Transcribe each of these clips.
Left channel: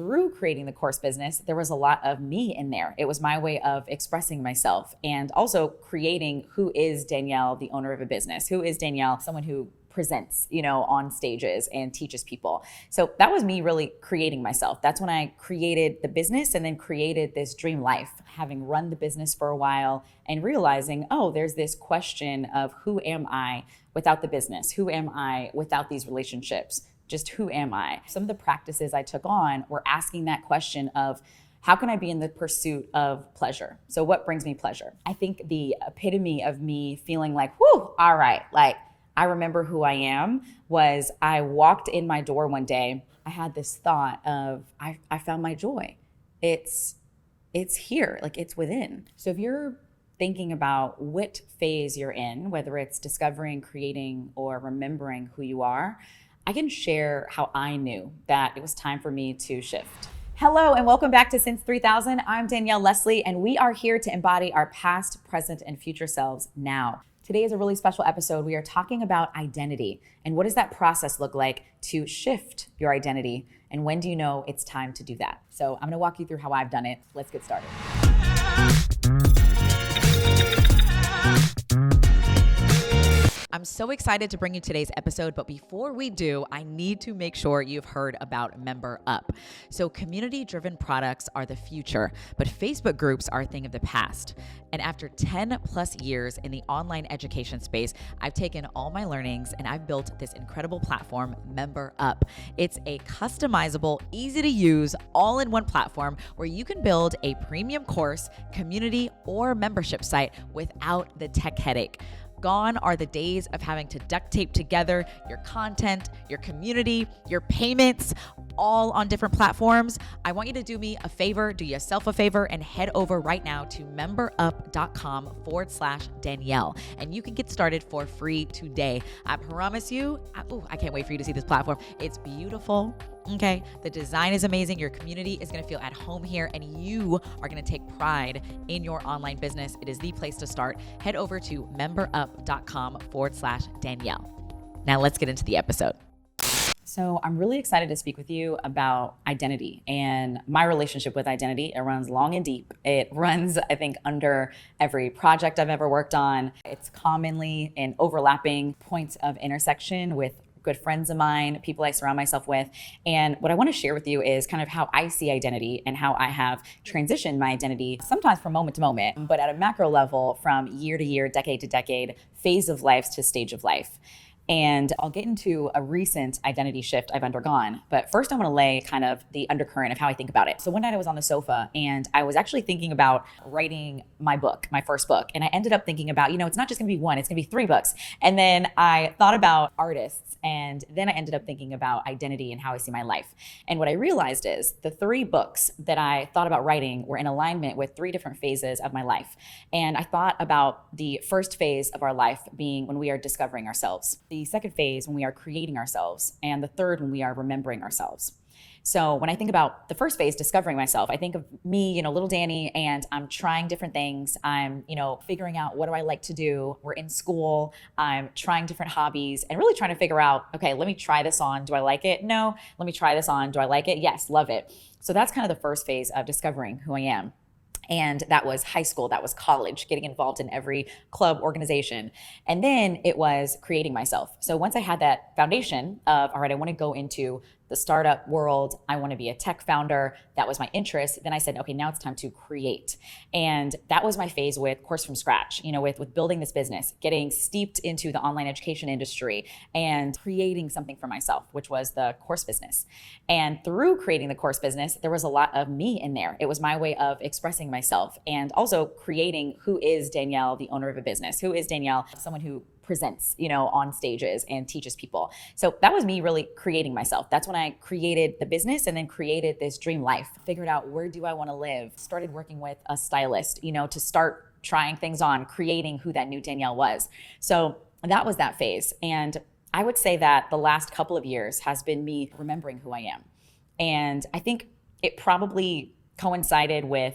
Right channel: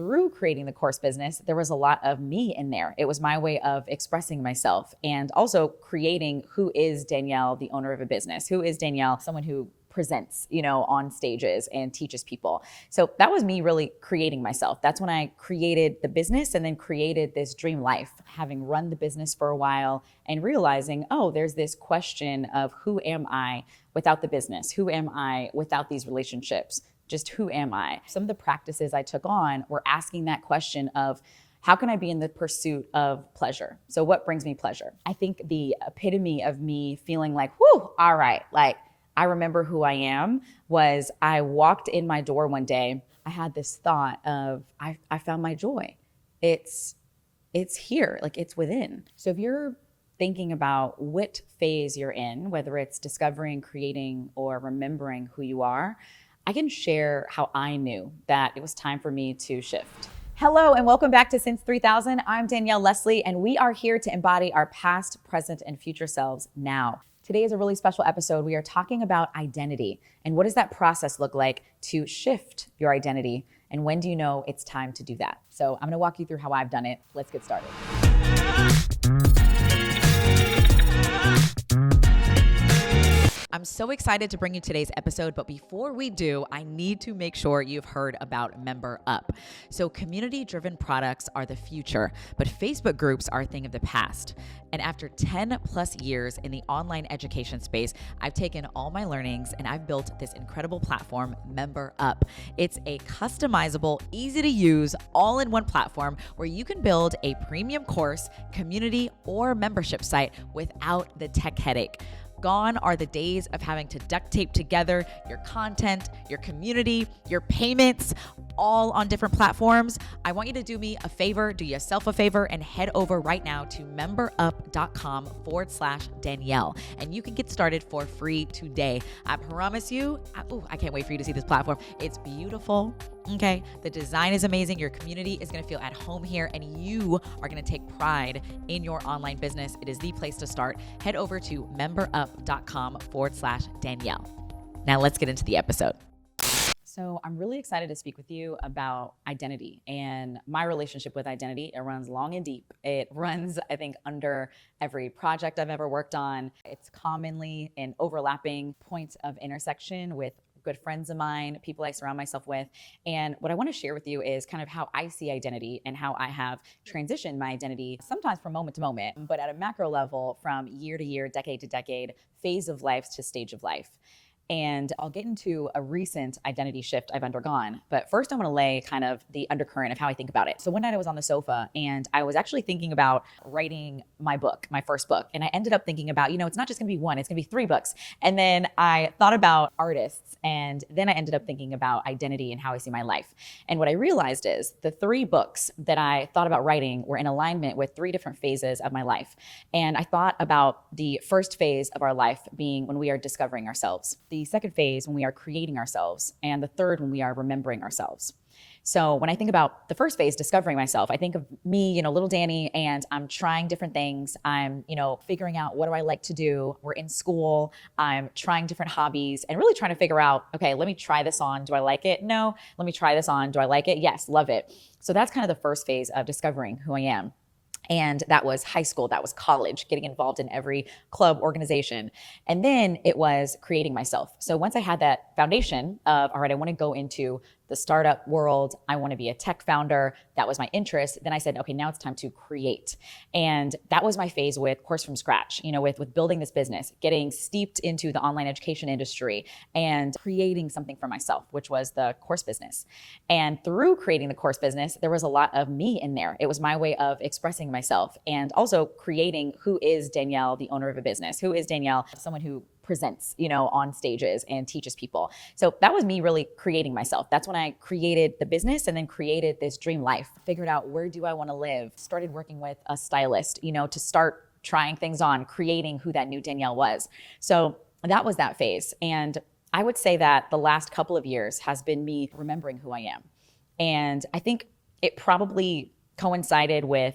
through creating the course business, there was a lot of me in there. It was my way of expressing myself and also creating who is Danielle, the owner of a business. Who is Danielle, someone who presents, on stages and teaches people. So that was me really creating myself. That's when I created the business and then created this dream life, having run the business for a while and realizing, oh, there's this question of who am I without the business? Who am I without these relationships? Just who am I? Some of the practices I took on were asking that question of, how can I be in the pursuit of pleasure? So what brings me pleasure? I think the epitome of me feeling like, whoo, all right, like I remember who I am was I walked in my door one day. I had this thought of, I found my joy. It's here, like it's within. So if you're thinking about what phase you're in, whether it's discovering, creating, or remembering who you are, I can share how I knew that it was time for me to shift. Hello and welcome back to Since 3000. I'm Danielle Leslie and we are here to embody our past, present, and future selves now. Today is a really special episode. We are talking about identity and what does that process look like to shift your identity, and when do you know it's time to do that? So I'm going to walk you through how I've done it. Let's get started. I'm so excited to bring you today's episode, but before we do, I need to make sure you've heard about Member Up. So community-driven products are the future, but Facebook groups are a thing of the past. And after 10 plus years in the online education space, I've taken all my learnings and I've built this incredible platform, Member Up. It's a customizable, easy to use, all-in-one platform where you can build a premium course, community, or membership site without the tech headache. Gone are the days of having to duct tape together your content, your community, your payments, all on different platforms. I want you to do me a favor, do yourself a favor, and head over right now to memberup.com/Danielle. And you can get started for free today. I promise you, I can't wait for you to see this platform. It's beautiful. Okay, the design is amazing. Your community is going to feel at home here, and you are going to take pride in your online business. It is the place to start. Head over to memberup.com/Danielle. Now let's get into the episode. So I'm really excited to speak with you about identity and my relationship with identity. It runs long and deep. It runs, I think, under every project I've ever worked on. It's commonly in overlapping points of intersection with good friends of mine, people I surround myself with. And what I want to share with you is kind of how I see identity and how I have transitioned my identity, sometimes from moment to moment, but at a macro level, from year to year, decade to decade, phase of life to stage of life. And I'll get into a recent identity shift I've undergone. But first I want to lay kind of the undercurrent of how I think about it. So one night I was on the sofa and I was actually thinking about writing my book, my first book. And I ended up thinking about, it's not just going to be one, it's going to be 3 books. And then I thought about artists. And then I ended up thinking about identity and how I see my life. And what I realized is the 3 books that I thought about writing were in alignment with 3 different phases of my life. And I thought about the first phase of our life being when we are discovering ourselves, the second phase when we are creating ourselves, and the third when we are remembering ourselves. So when I think about the first phase, discovering myself, I think of me, little Danny, and I'm trying different things. I'm, figuring out what do I like to do. We're in school. I'm trying different hobbies and really trying to figure out, okay, let me try this on. Do I like it? No. Let me try this on. Do I like it? Yes, love it. So that's kind of the first phase of discovering who I am. And that was high school, that was college, getting involved in every club, organization. And then it was creating myself. So once I had that foundation of, all right, I want to go into the startup world, I want to be a tech founder, that was my interest. Then I said, okay, now it's time to create. And that was my phase with Course from Scratch, with building this business, getting steeped into the online education industry and creating something for myself, which was the course business. And through creating the course business, there was a lot of me in there. It was my way of expressing myself and also creating who is Danielle, the owner of a business, who is Danielle, someone who presents, on stages and teaches people. So that was me really creating myself. That's when I created the business and then created this dream life, figured out where do I want to live, started working with a stylist, to start trying things on, creating who that new Danielle was. So that was that phase. And I would say that the last couple of years has been me remembering who I am. And I think it probably coincided with,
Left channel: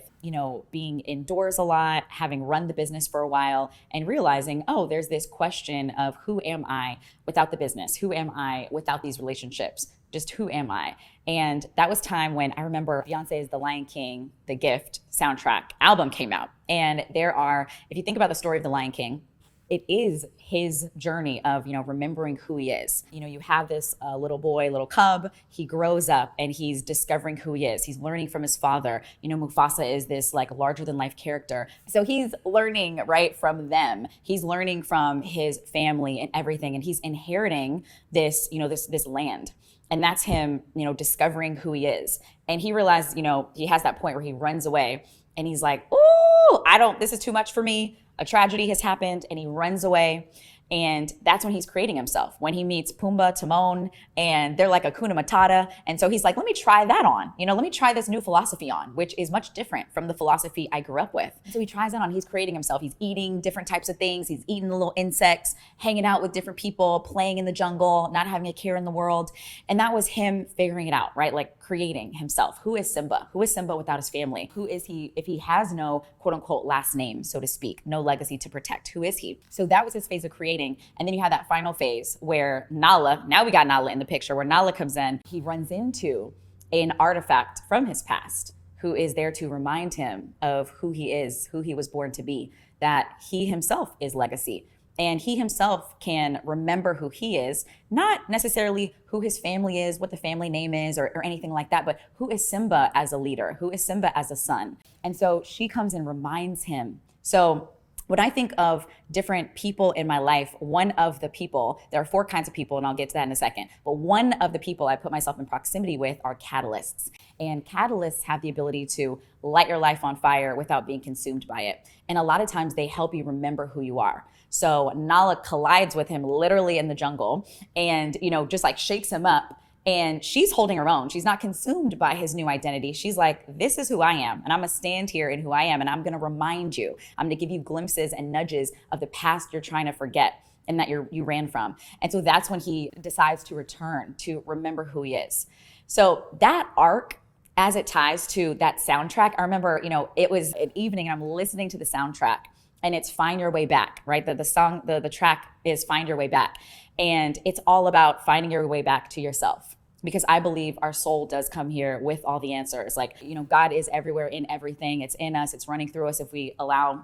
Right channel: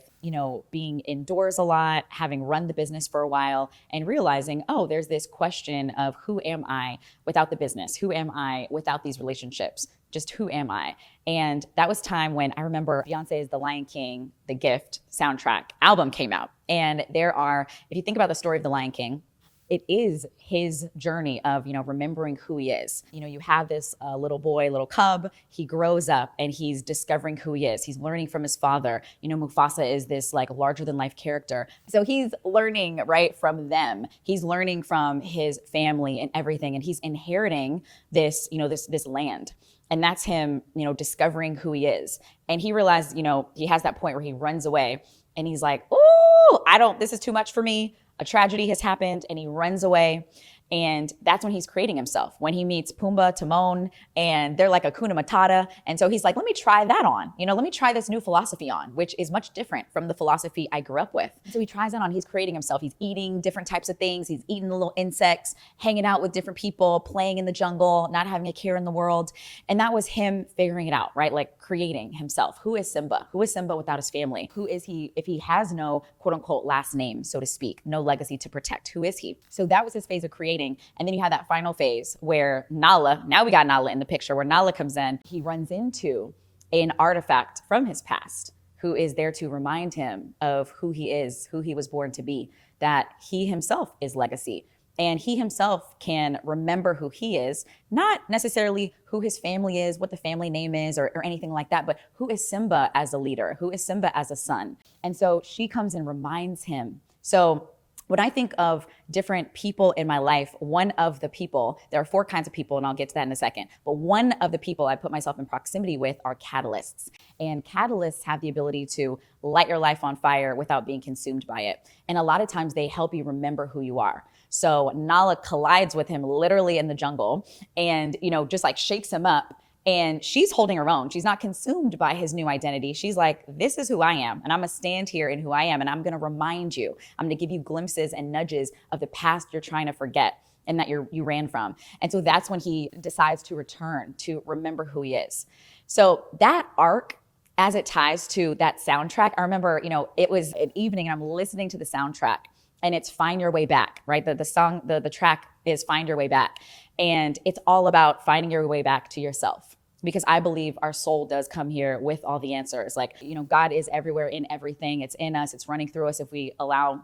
being indoors a lot, having run the business for a while and realizing, oh, there's this question of who am I without the business? Who am I without these relationships? Just who am I? And that was time when I remember Beyonce's The Lion King, The Gift soundtrack album came out. And if you think about the story of The Lion King, it is his journey of, remembering who he is. You have this little boy, little cub, he grows up and he's discovering who he is. He's learning from his father. Mufasa is this like larger than life character. So he's learning right from them. He's learning from his family and everything. And he's inheriting this, this land. And that's him, discovering who he is. And he realizes, he has that point where he runs away and he's like, oh, this is too much for me. A tragedy has happened and he runs away. And that's when he's creating himself. When he meets Pumbaa, Timon, and they're like Hakuna Matata. And so he's like, let me try that on. Let me try this new philosophy on, which is much different from the philosophy I grew up with. So he tries it on. He's creating himself. He's eating different types of things. He's eating the little insects, hanging out with different people, playing in the jungle, not having a care in the world. And that was him figuring it out, right? Like creating himself. Who is Simba? Who is Simba without his family? Who is he if he has no quote unquote last name, so to speak, no legacy to protect? Who is he? So that was his phase of creating. And then you had that final phase where now we got Nala in the picture, where Nala comes in. He runs into an artifact from his past who is there to remind him of who he is, who he was born to be, that he himself is legacy. And he himself can remember who he is, not necessarily who his family is, what the family name is, or anything like that, but who is Simba as a leader? Who is Simba as a son? And so she comes and reminds him. So when I think of different people in my life, one of the people, there are 4 kinds of people, and I'll get to that in a second, but one of the people I put myself in proximity with are catalysts. And catalysts have the ability to light your life on fire without being consumed by it. And a lot of times they help you remember who you are. So Nala collides with him literally in the jungle and, just like shakes him up. And she's holding her own. She's not consumed by his new identity. She's like, this is who I am. And I'm going to stand here in who I am. And I'm going to remind you. I'm going to give you glimpses and nudges of the past you're trying to forget and that you ran from. And so that's when he decides to return to remember who he is. So that arc, as it ties to that soundtrack, I remember, it was an evening and I'm listening to the soundtrack and it's Find Your Way Back, right? The track is Find Your Way Back. And it's all about finding your way back to yourself. Because I believe our soul does come here with all the answers. Like, God is everywhere in everything. It's in us. It's running through us if we allow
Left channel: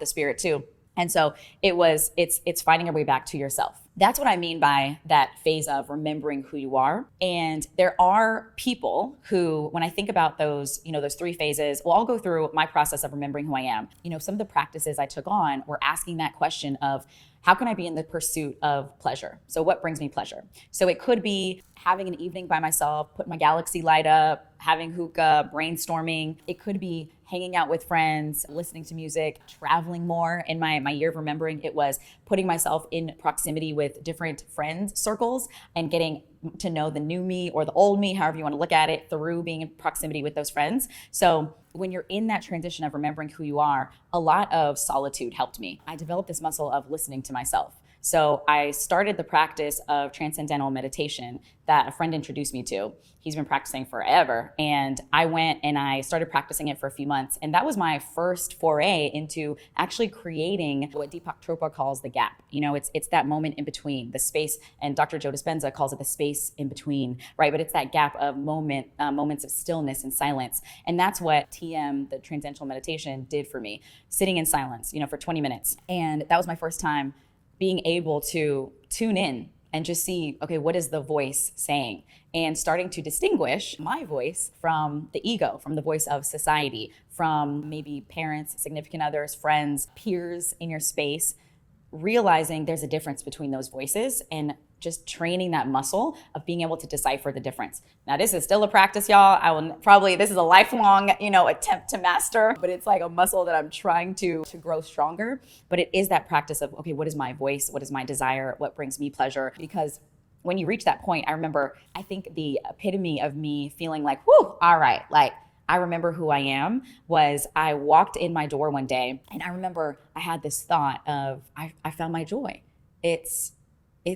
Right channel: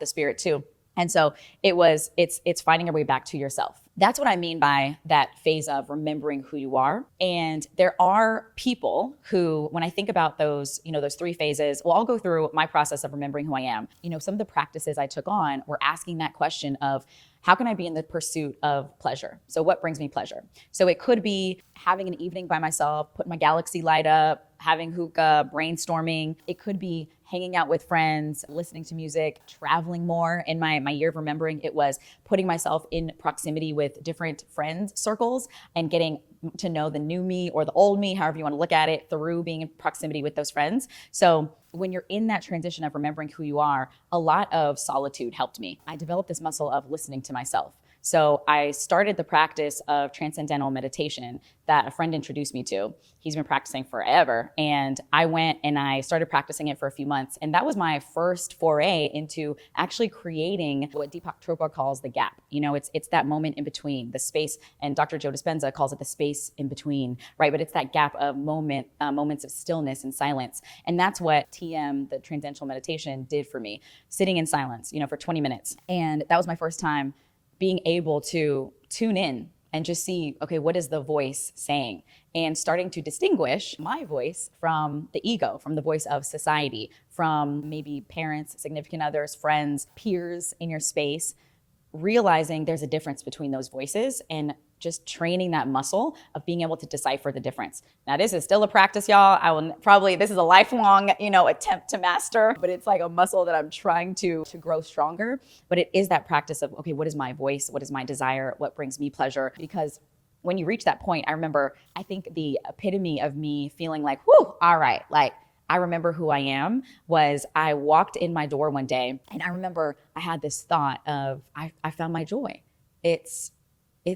the spirit to. And so it's finding your way back to yourself. That's what I mean by that phase of remembering who you are. And there are people who, when I think about those 3 phases, well, I'll go through my process of remembering who I am. Some of the practices I took on were asking that question of, how can I be in the pursuit of pleasure? So what brings me pleasure? So it could be having an evening by myself, putting my galaxy light up, having hookah, brainstorming. It could be hanging out with friends, listening to music, traveling more. In my year of remembering, it was putting myself in proximity with different friend circles and getting to know the new me or the old me, however you want to look at it, through being in proximity with those friends. So when you're in that transition of remembering who you are, a lot of solitude helped me. I developed this muscle of listening to myself. So I started the practice of transcendental meditation that a friend introduced me to. He's been practicing forever. And I went and I started practicing it for a few months. And that was my first foray into actually creating what Deepak Chopra calls the gap. It's that moment in between, the space, and Dr. Joe Dispenza calls it the space in between, right? But it's that gap of moments of stillness and silence. And that's what TM, the transcendental meditation, did for me, sitting in silence, for 20 minutes. And that was my first time being able to tune in and just see, okay, what is the voice saying? And starting to distinguish my voice from the ego, from the voice of society, from maybe parents, significant others, friends, peers in your space, realizing there's a difference between those voices and just training that muscle of being able to decipher the difference. Now, this is still a practice, y'all. This is a lifelong, attempt to master, but it's like a muscle that I'm trying to grow stronger. But it is that practice of, okay, what is my voice? What is my desire? What brings me pleasure? Because when you reach that point, I think the epitome of me feeling like, whew, all right, like I remember who I am was I walked in my door one day and I remember I had this thought of, I found my joy. It's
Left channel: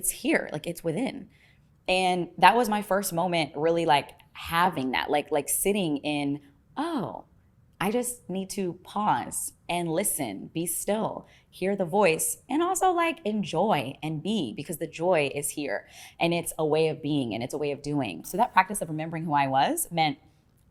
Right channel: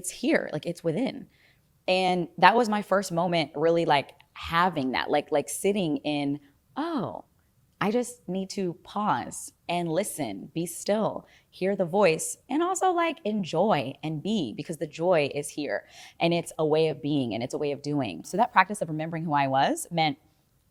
here, like it's within. And that was my first moment really like having that, like sitting in, oh, I just need to pause and listen, be still, hear the voice, and also like enjoy and be, because the joy is here and it's a way of being and it's a way of doing. So that practice of remembering who I was meant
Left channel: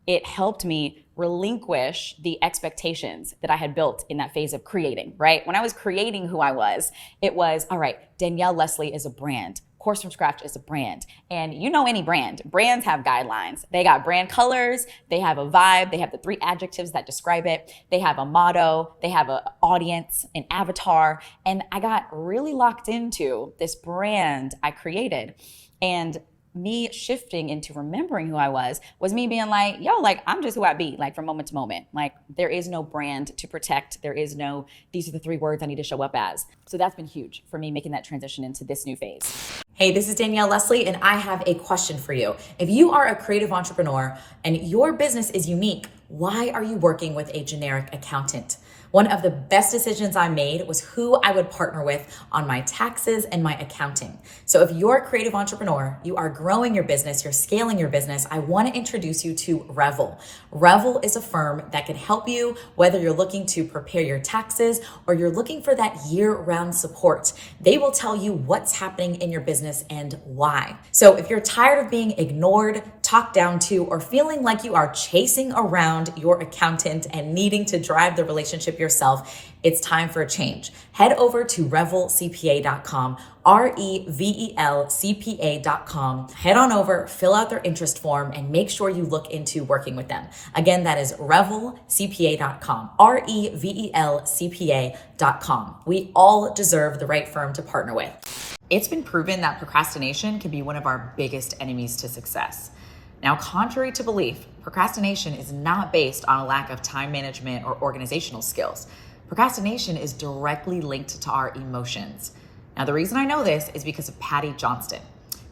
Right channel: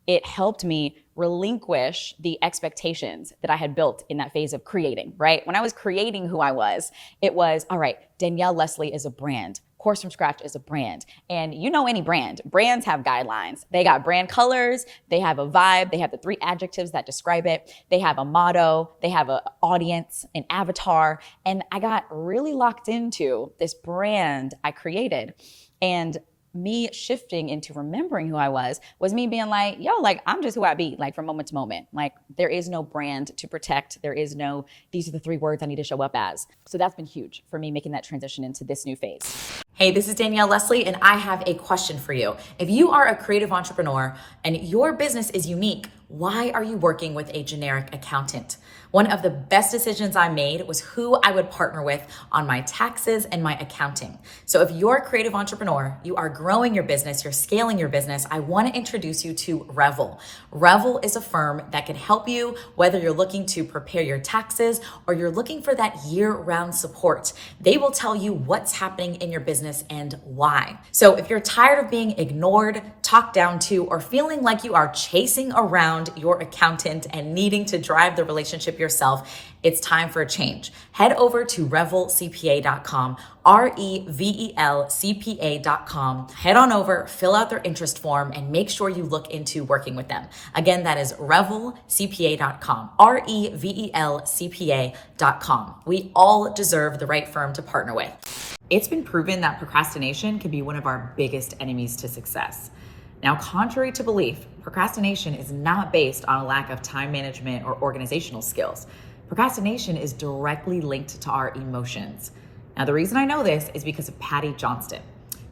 it helped me relinquish the expectations that I had built in that phase of creating, right? When I was creating who I was, it was, all right, Danielle Leslie is a brand. Course from Scratch is a brand. And you know any brand. Brands have guidelines. They got brand colors. They have a vibe. They have the 3 adjectives that describe it. They have a motto. They have an audience, an avatar. And I got really locked into this brand I created. And me shifting into remembering who I was me being like, yo, like, I'm just who I be, like, from moment to moment. Like, there is no brand to protect. There is no, these are the 3 words I need to show up as. So that's been huge for me making that transition into this new phase. Hey, this is Danielle Leslie, and I have a question for you. If you are a creative entrepreneur and your business is unique, why are you working with a generic accountant? One of the best decisions I made was who I would partner with on my taxes and my accounting. So if you're a creative entrepreneur, you are growing your business, you're scaling your business, I want to introduce you to Revel. Revel is a firm that can help you whether you're looking to prepare your taxes or you're looking for that year-round support. They will tell you what's happening in your business and why. So if you're tired of being ignored, talked down to, or feeling like you are chasing around your accountant and needing to drive the relationship yourself, it's time for a change. Head over to revelcpa.com, revelcpa.com. Head on over, fill out their interest form, and make sure you look into working with them. Again, that is revelcpa.com, revelcpa.com. We all deserve the right firm to partner with. It's been proven that procrastination can be one of our biggest enemies to success. Now, contrary to belief, procrastination is not based on a lack of time management or organizational skills. Procrastination is directly linked to our emotions. Now, the reason I know this is because of Patty Johnston.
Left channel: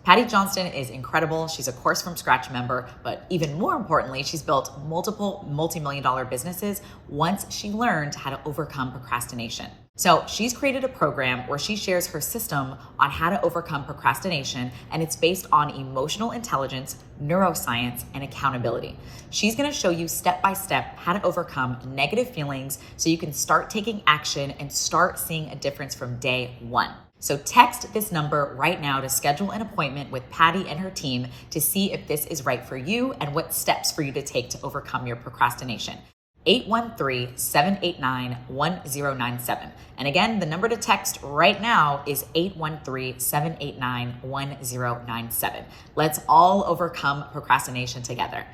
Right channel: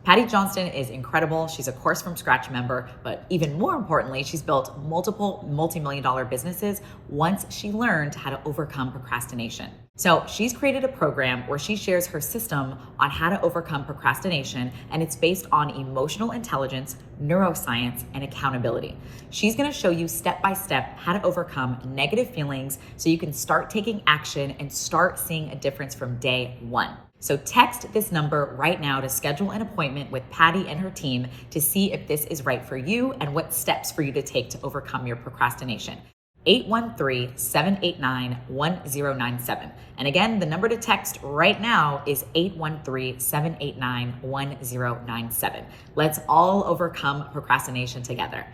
Patty Johnston is incredible. She's a Course from Scratch member, but even more importantly, she's built multiple multi-million-dollar businesses once she learned how to overcome procrastination. So she's created a program where she shares her system on how to overcome procrastination, and it's based on emotional intelligence, neuroscience, and accountability. She's gonna show you step-by-step how to overcome negative feelings so you can start taking action and start seeing a difference from day one. So text this number right now to schedule an appointment with Patty and her team to see if this is right for you and what steps for you to take to overcome your procrastination. 813-789-1097. And again, the number to text right now is 813-789-1097. Let's all overcome procrastination together.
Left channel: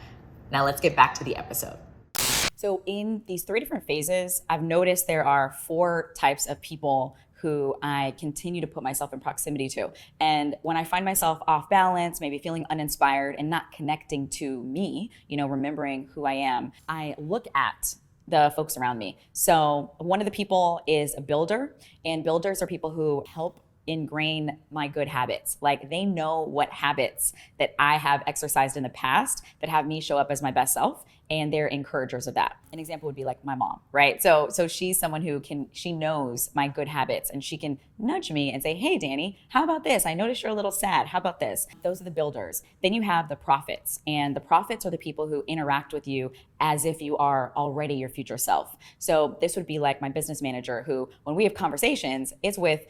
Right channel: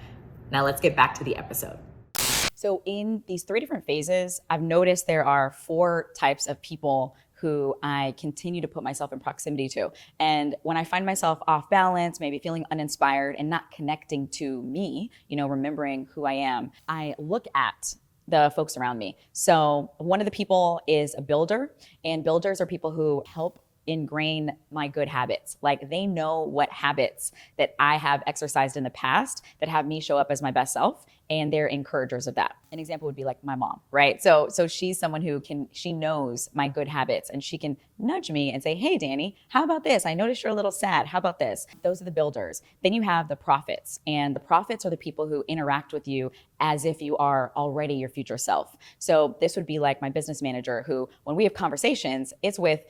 Now let's get back to the episode. So in these 3 different phases, I've noticed there are 4 types of people who I continue to put myself in proximity to. And when I find myself off balance, maybe feeling uninspired and not connecting to me, remembering who I am, I look at the folks around me. So one of the people is a builder, and builders are people who help ingrain my good habits. Like, they know what habits that I have exercised in the past that have me show up as my best self, and they're encouragers of that. An example would be like my mom, right? So she's someone who she knows my good habits, and she can nudge me and say, hey, Danny, how about this? I noticed you're a little sad. How about this? Those are the builders. Then you have the prophets, and the prophets are the people who interact with you as if you are already your future self. So this would be like my business manager, who, when we have conversations, it's with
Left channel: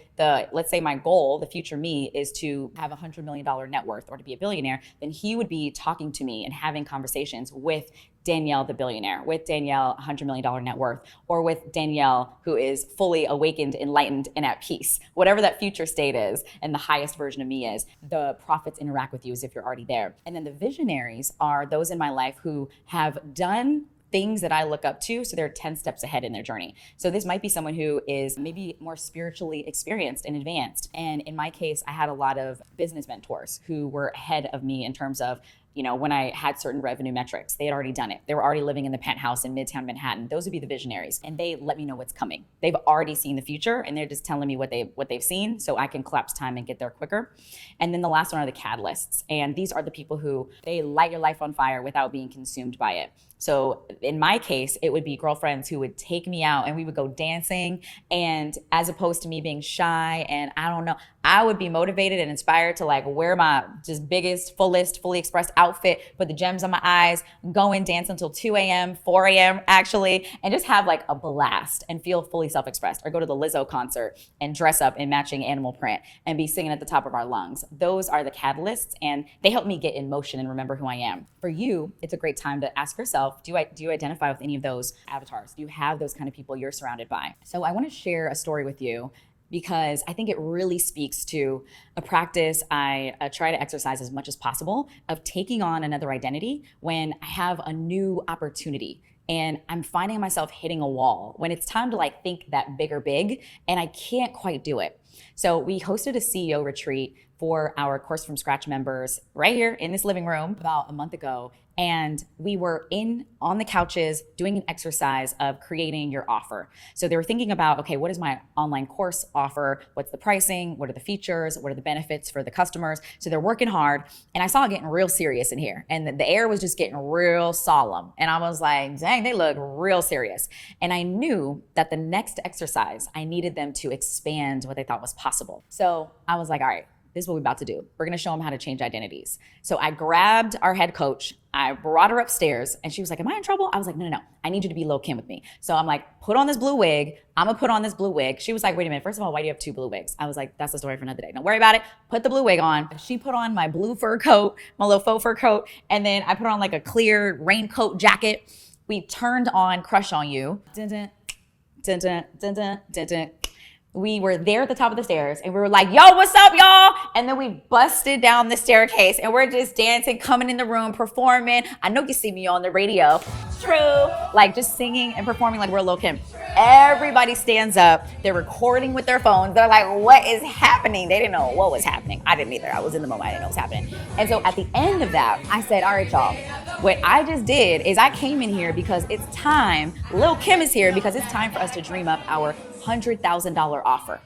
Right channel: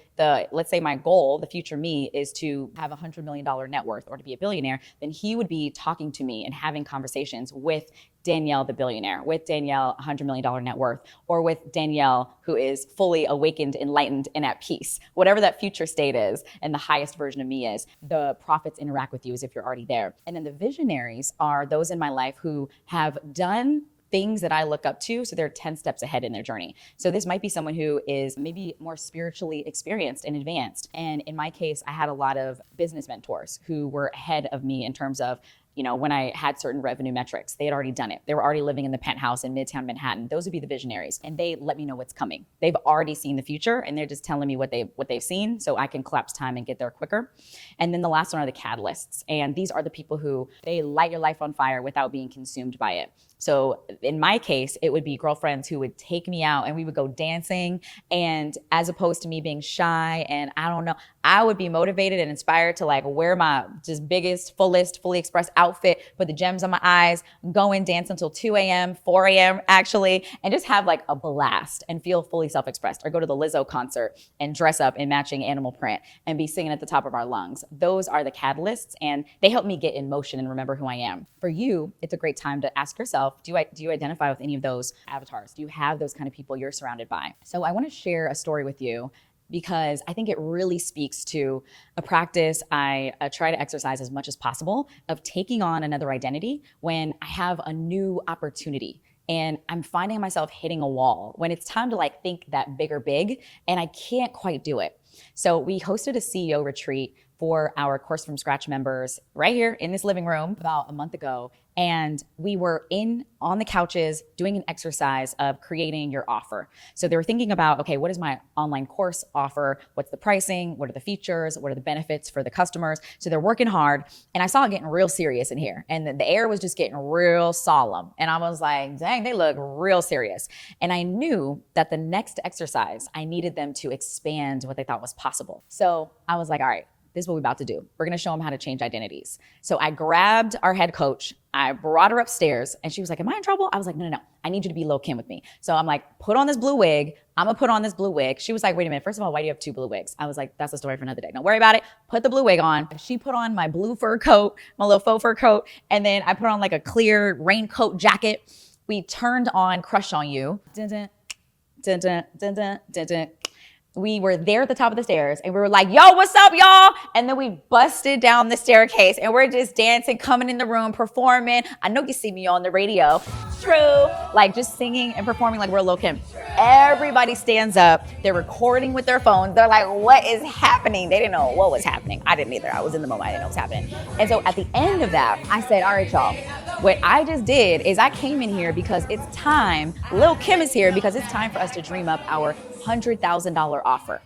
let's say my goal, the future me, is to have $100 million net worth or to be a billionaire. Then he would be talking to me and having conversations with Danielle, the billionaire, with Danielle, $100 million net worth, or with Danielle, who is fully awakened, enlightened, and at peace. Whatever that future state is and the highest version of me is, the prophets interact with you as if you're already there. And then the visionaries are those in my life who have done things that I look up to, so they're 10 steps ahead in their journey. So this might be someone who is maybe more spiritually experienced and advanced. And in my case, I had a lot of business mentors who were ahead of me in terms of, when I had certain revenue metrics. They had already done it. They were already living in the penthouse in Midtown Manhattan. Those would be the visionaries. And they let me know what's coming. They've already seen the future, and they're just telling me what they've seen, so I can collapse time and get there quicker. And then the last one are the catalysts. And these are the people who, they light your life on fire without being consumed by it. So in my case, it would be girlfriends who would take me out and we would go dancing. And as opposed to me being shy and I would be motivated and inspired to like wear my just biggest, fullest, fully expressed outfit outfit, put the gems on my eyes, go and dance until 2 a.m., 4 a.m. actually, and just have like a blast and feel fully self-expressed. Or go to the Lizzo concert and dress up in matching animal print and be singing at the top of our lungs. Those are the catalysts, and they help me get in motion and remember who I am. For you, it's a great time to ask yourself, do you identify with any of those avatars? Do you have those kind of people you're surrounded by? So I want to share a story with you because I think it really speaks to a practice I try to exercise as much as possible of taking on another identity when I have a new opportunity and I'm finding myself hitting a wall when it's time to like think that bigger big and I can't quite do it. So we hosted a CEO retreat for our Course from Scratch members right here in this living room about a month ago. And we were on the couches doing an exercise of creating your offer. So they were thinking about, okay, what is my online course offer? What's the pricing? What are the features? What are the benefits for the customers? So they're working hard. And I saw it getting real serious in here. And the air was just getting real solemn. And I was like, dang, they look real serious. And I knew that the next exercise, I needed them to expand what they thought was possible. So I was like, all right, this is what we're about to do. We're going to show them how to change identities. So I grabbed our head coach. I brought her upstairs and she was like, am I in trouble? I was like, no. I need you to be Lil' Kim with me. So I'm like, put on this blue wig. I'm going to put on this blue wig. She was like, wait a minute. First of all, why do you have two blue wigs? I was like, that's a story for another day. Don't worry about it. Put the blue wig on. She put on my blue fur coat, my little faux fur coat. And then I put on like a clear raincoat jacket. We turned on Crush on You. Dun, dun, dun, dun, dun, dun, dun, dun. We were there at the top of the stairs and we were like, yo, what's up, y'all? And then we busted down the staircase and we're just dancing, coming in the room, performing. I know you see me on the radio. True. Like just singing and performing like we're Lil' Kim. Everybody stands up. They're recording with their phones. They're like, what is happening? They didn't know what was happening. I didn't either. I was in the moment. I didn't know what was happening. And so at the end of that, I said, all right, y'all. What I just did is I came in here because it's time. Lil' Kim is here because it's time for us to dream up our $100,000 offer.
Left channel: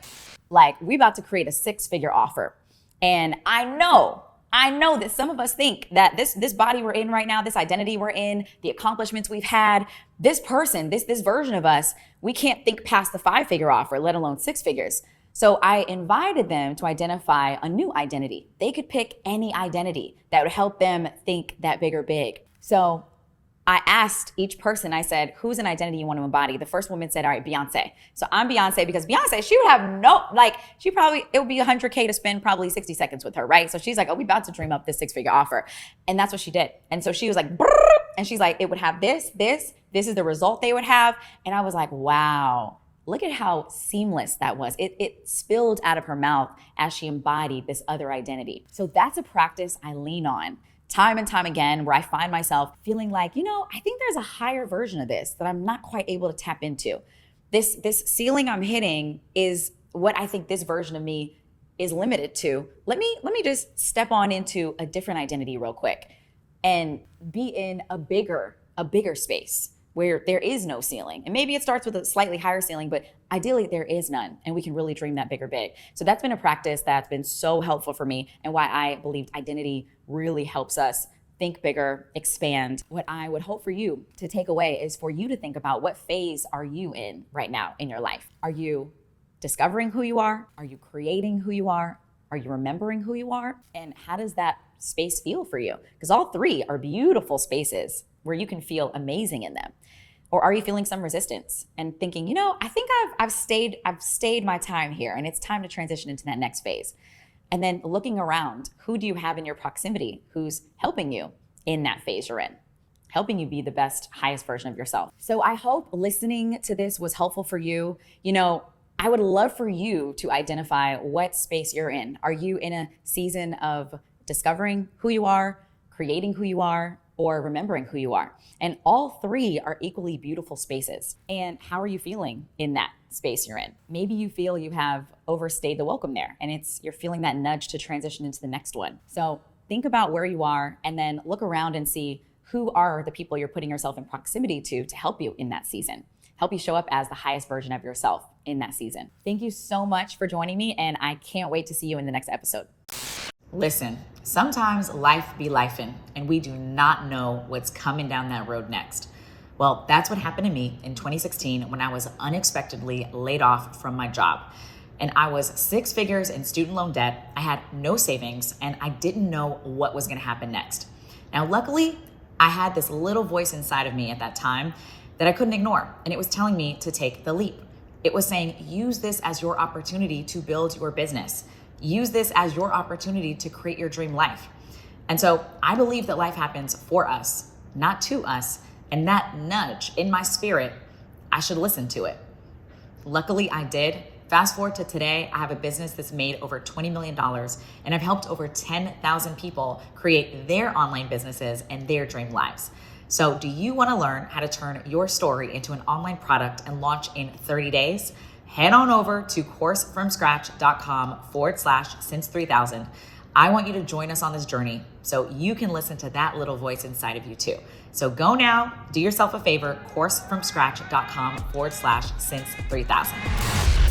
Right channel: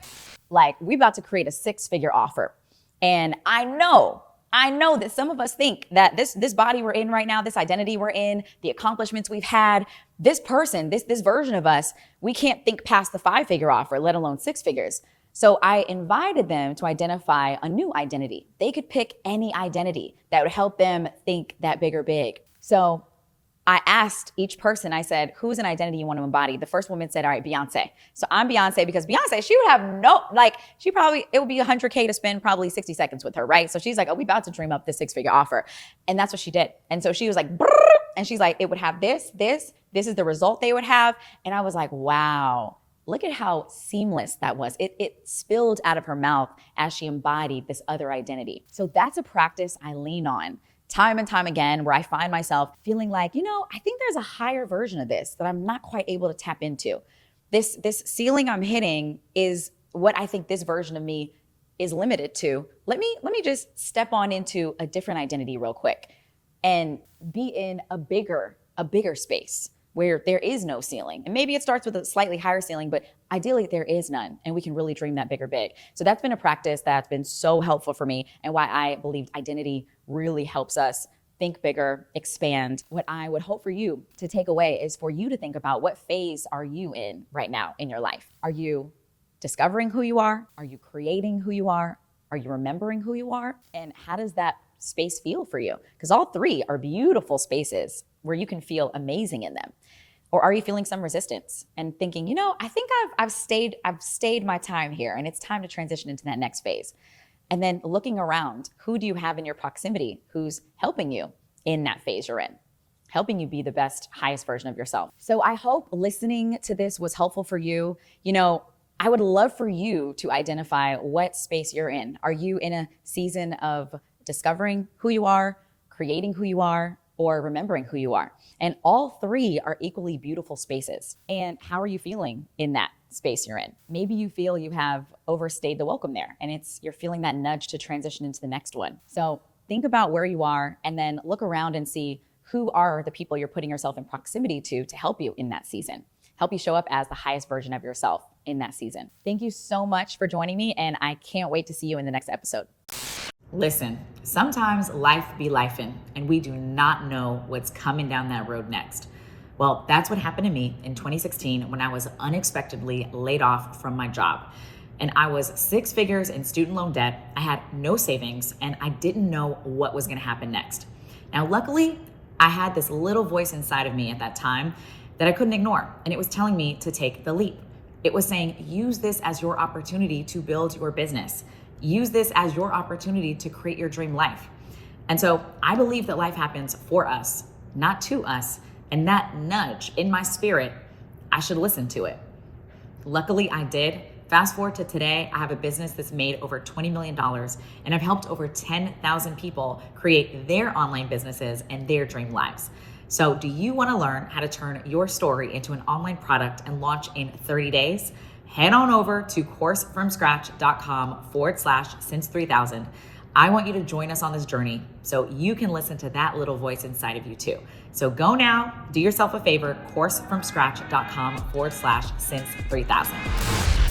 Like we about to create a 6-figure offer. And I know that some of us think that this body we're in right now, this identity we're in, the accomplishments we've had, this person, this version of us, we can't think past the 5-figure offer, let alone 6 figures. So I invited them to identify a new identity. They could pick any identity that would help them think that bigger big. So I asked each person, I said, who's an identity you want to embody? The first woman said, all right, Beyonce. So I'm Beyonce because Beyonce, she would have it would be $100K to spend probably 60 seconds with her, right? So she's like, oh, we about to dream up this 6-figure offer. And that's what she did. And so she was like, brrr, and she's like, it would have this is the result they would have. And I was like, wow, look at how seamless that was. It spilled out of her mouth as she embodied this other identity. So that's a practice I lean on time and time again, where I find myself feeling like, I think there's a higher version of this that I'm not quite able to tap into. This ceiling I'm hitting is what I think this version of me is limited to. Let me just step on into a different identity real quick and be in a bigger space where there is no ceiling. And maybe it starts with a slightly higher ceiling, but ideally there is none, and we can really dream that bigger big. So that's been a practice that's been so helpful for me, and why I believed identity really helps us think bigger, expand. What I would hope for you to take away is for you to think about, what phase are you in right now in your life? Are you discovering who you are? Are you creating who you are? Are you remembering who you are? And how does that space feel for you? Because all three are beautiful spaces where you can feel amazing in them. Or are you feeling some resistance and thinking, I think I've stayed my time here and it's time to transition into that next phase? And then looking around, who do you have in your proximity who's helping you in that phase you're in, helping you be the best, highest version of yourself? So I hope listening to this was helpful for you. I would love for you to identify what space you're in. Are you in a season of discovering who you are, creating who you are, or remembering who you are? And all three are equally beautiful spaces. And how are you feeling in that space you're in? Maybe you feel you have overstayed the welcome there, and you're feeling that nudge to transition into the next one. So think about where you are, and then look around and see who are the people you're putting yourself in proximity to help you in that season, help you show up as the highest version of yourself in that season. Thank you so much for joining me, and I can't wait to see you in the next episode. Listen, sometimes life be lifing, and we do not know what's coming down that road next. Well, that's what happened to me in 2016 when I was unexpectedly laid off from my job. And I was 6 figures in student loan debt. I had no savings, and I didn't know what was going to happen next. Now, luckily, I had this little voice inside of me at that time that I couldn't ignore, and it was telling me to take the leap. It was saying, use this as your opportunity to build your business. Use this as your opportunity to create your dream life. And so I believe that life happens for us, not to us, and that nudge in my spirit, I should listen to it. Luckily, I did. Fast forward to today, I have a business that's made over $20 million, and I've helped over 10,000 people create their online businesses and their dream lives. So do you want to learn how to turn your story into an online product and launch in 30 days? Head on over to coursefromscratch.com/since3000. I want you to join us on this journey so you can listen to that little voice inside of you too. So go now, do yourself a favor, coursefromscratch.com/since3000.